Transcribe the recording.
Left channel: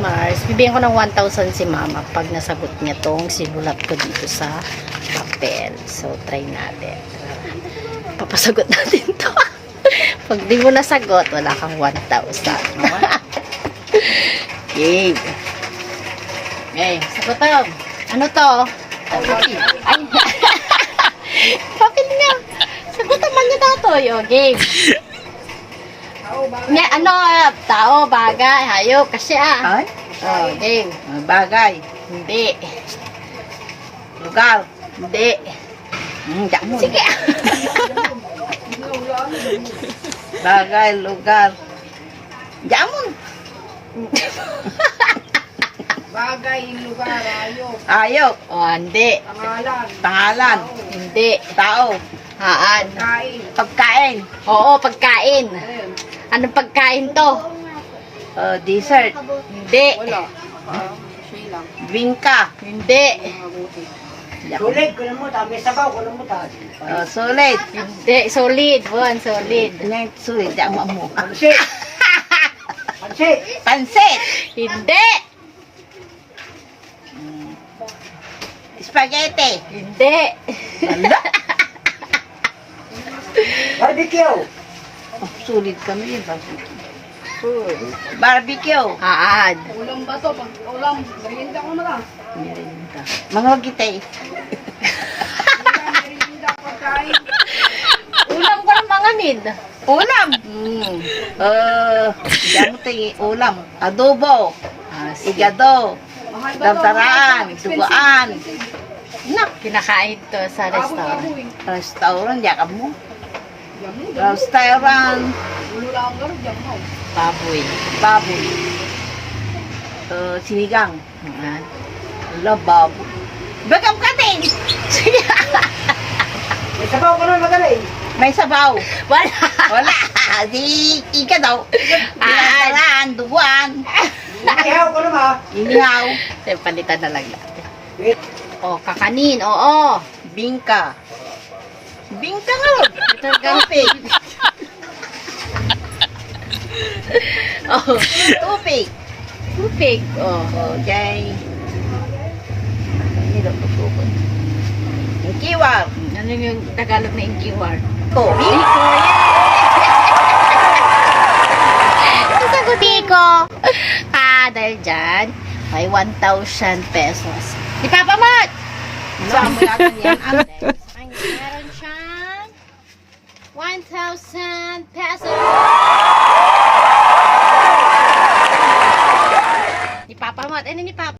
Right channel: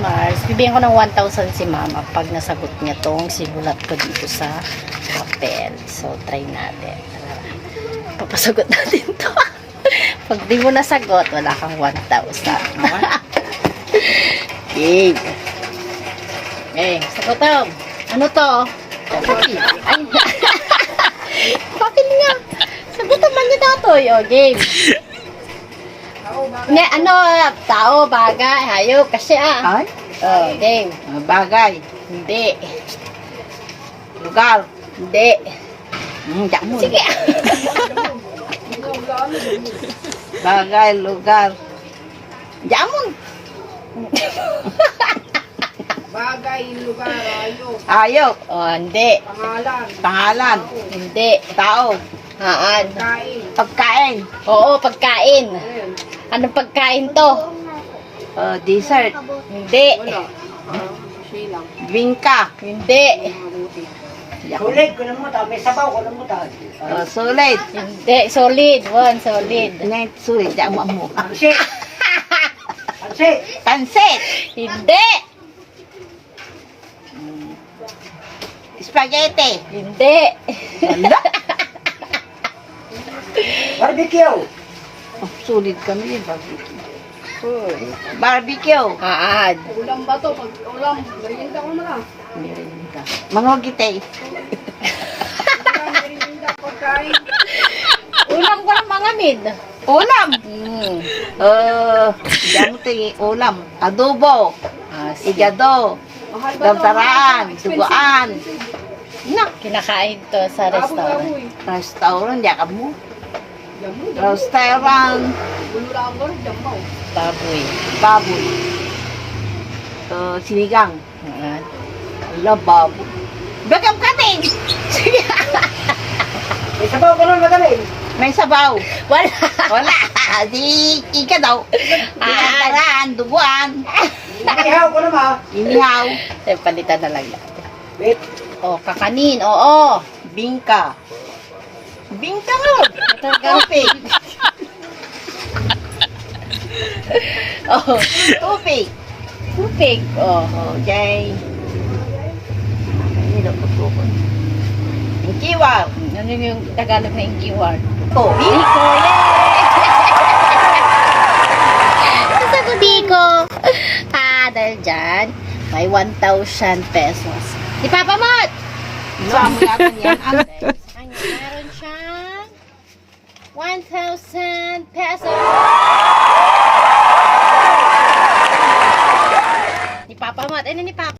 Mars, bibigyan ko ng 1,000 si Mama pag nasagot niya tong sinulat ko dito sa papel. So, try natin. Papasagot natin to. Pag di mo nasagot, wala kang 1,000. Okay. Okay, sagutom. Ano to? Ay, bakit nga? Sagutom man niya dato. Okay. Ne, ano, tao, bagay, hayop, kasi Ay? Oh, game. Bagay. Hindi. Lugar. Hindi. Jamon. Sige. Bagay, lugar. Jamon. Bagay, lugar, ayok, Ayok. Oh, hindi. pangalan, Pangalan. Hindi. Tao. Haan. kain. Pagkain. Oo, pagkain. Ayun. Anong pagkain to? Dessert. Hindi. Wala. Silang. Bingka. Hindi. Sulit. Kunin mo tabi. Sabaw. Kunin mo tabi. Sulit. Hindi. Solid. One, solid. Net sulit. Jamon mo. Pansit. Pansit. Pansit. Hindi. Spaghetti. Hindi. Wala. Barbecue. Sulit kami yun. Barbecue. Barbecue. Haan. Ulam ba to? Pag ulam, merienda ko na lang. Merinda. Mangogite. Merienda, pagkain. Ulam ko ng mga mid. Ulam. Diyan ulam. Adobo. Igado. Mahal ba to? Dantaraan. Expensive, Duguan. expensive. Nak. Kinakain to sa Aboy, restaurant. aboy. Restaurant. Diyan ka mo. Jamu, jamu. Restaurant. Ulo lang doon, jamu. Baboy. Baboy. Sinigang. Ayan. Ala, baboy. Bagam ka din. May sabaw ko na madali. May sabaw. Wala. Wala. Di ika daw. Dantaraan. Duguan. Ihaw ko na ma. Inihaw. Ay, palitan na lang natin. Wait. Oh, kakanin. Oo. Bingka. Bingka nga. Tupig. Oh, Tupig. tupig. Oh. Okay. Hindi ko tukon. Ang kiwar. Ano yung Tagalog na ingiwar? Tupig. Sagot ko. Dahil dyan, may 1,000 pesos. Di Papa Mat! Saan mo natin yan? Ano? Meron siyang 1,000 pesos. Ni Papa Mat. Ano ni Papa?